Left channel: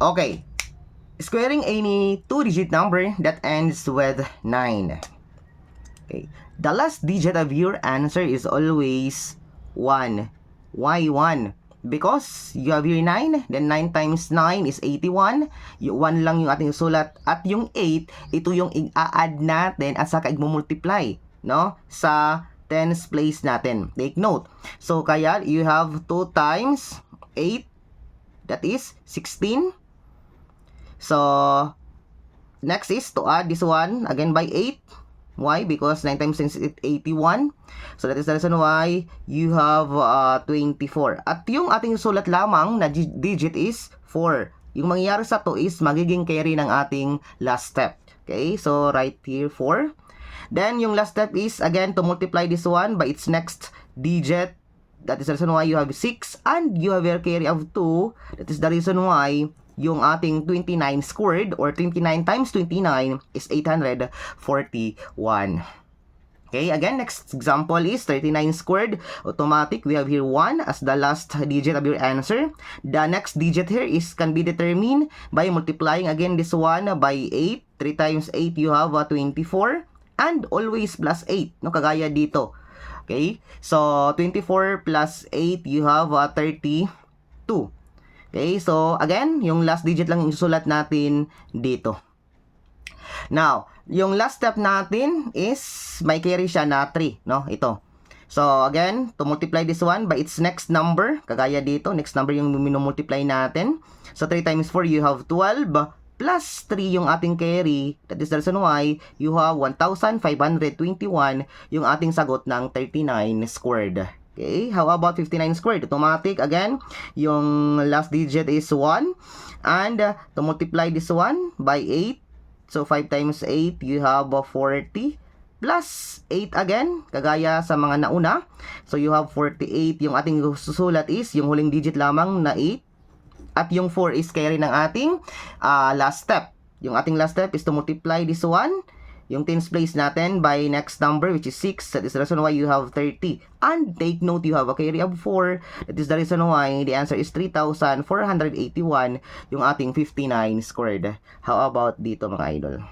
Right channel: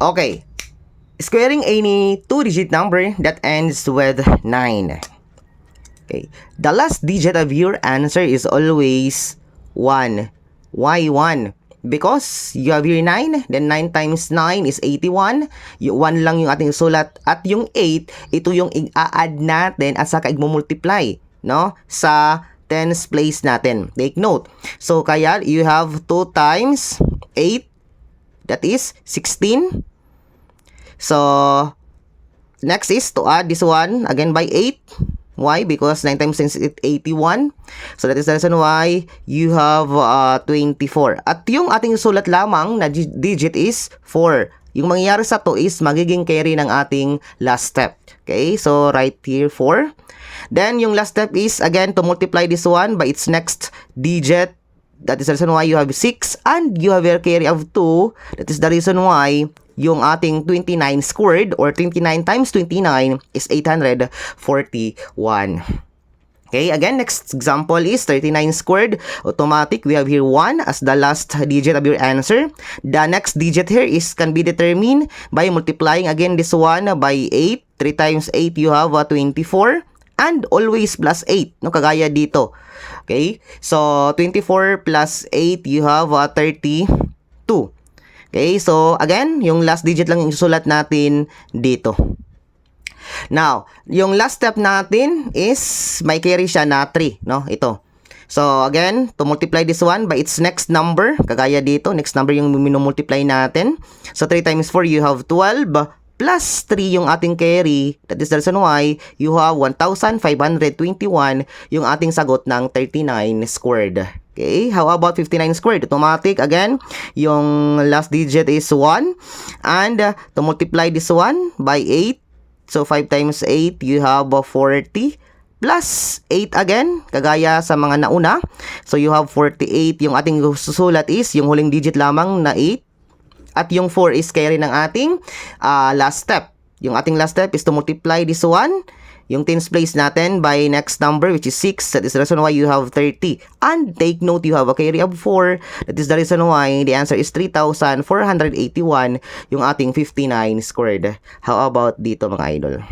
Okay. Squaring any two-digit number that ends with 9. Okay. The last digit of your answer is always 1. Why 1? Because you have here 9, then 9 times 9 is 81. Yung 1 lang yung ating sulat. At yung 8, ito yung i-add natin at saka i-multiply, no? Sa tens place natin. Take note. So, kaya you have 2 times 8, that is 16. So, next is to add this one again by 8. Why? Because 9 times 10 is 81. So, that is the reason why you have 24. At yung ating sulat lamang na digit is 4. Yung mangyayari sa to is magiging carry ng ating last step. Okay? So, right here 4. Then, yung last step is, again, to multiply this one by its next digit. That is the reason why you have 6 and you have a carry of 2. That is the reason why yung ating 29 squared or 29 times 29 is 841. Okay, again, next example is 39 squared. Automatic, we have here 1 as the last digit of your answer. The next digit here is can be determined by multiplying again this one by 8. 3 times 8, you have 24. And always plus 8, no? Kagaya dito. Okay, so 24 plus 8, you have 32. Okay, so again, yung last digit lang yung isusulat natin dito. Now, yung last step natin is may carry siya na 3, no? Ito. So again, to multiply this one by its next number, kagaya dito, next number yung minumultiply natin. So 3 times 4, you have 12 plus 3 yung ating carry. That is the reason why you have 1,521 yung ating sagot ng 39 squared. Okay, how about 59 squared? Automatic, again, yung last digit is 1. And to multiply this one by 8. So 5 times 8, you have 40. Plus 8 again, kagaya sa mga nauna. So you have 48. Yung ating susulat is yung huling digit lamang na 8. At yung 4 is carry ng ating last step. Yung ating last step is to multiply this one, yung tens place natin by next number which is 6. That is the reason why you have 30. And take note, you have a carry of 4. That is the reason why the answer is 3,481 yung ating 59 squared. How about dito mga idol?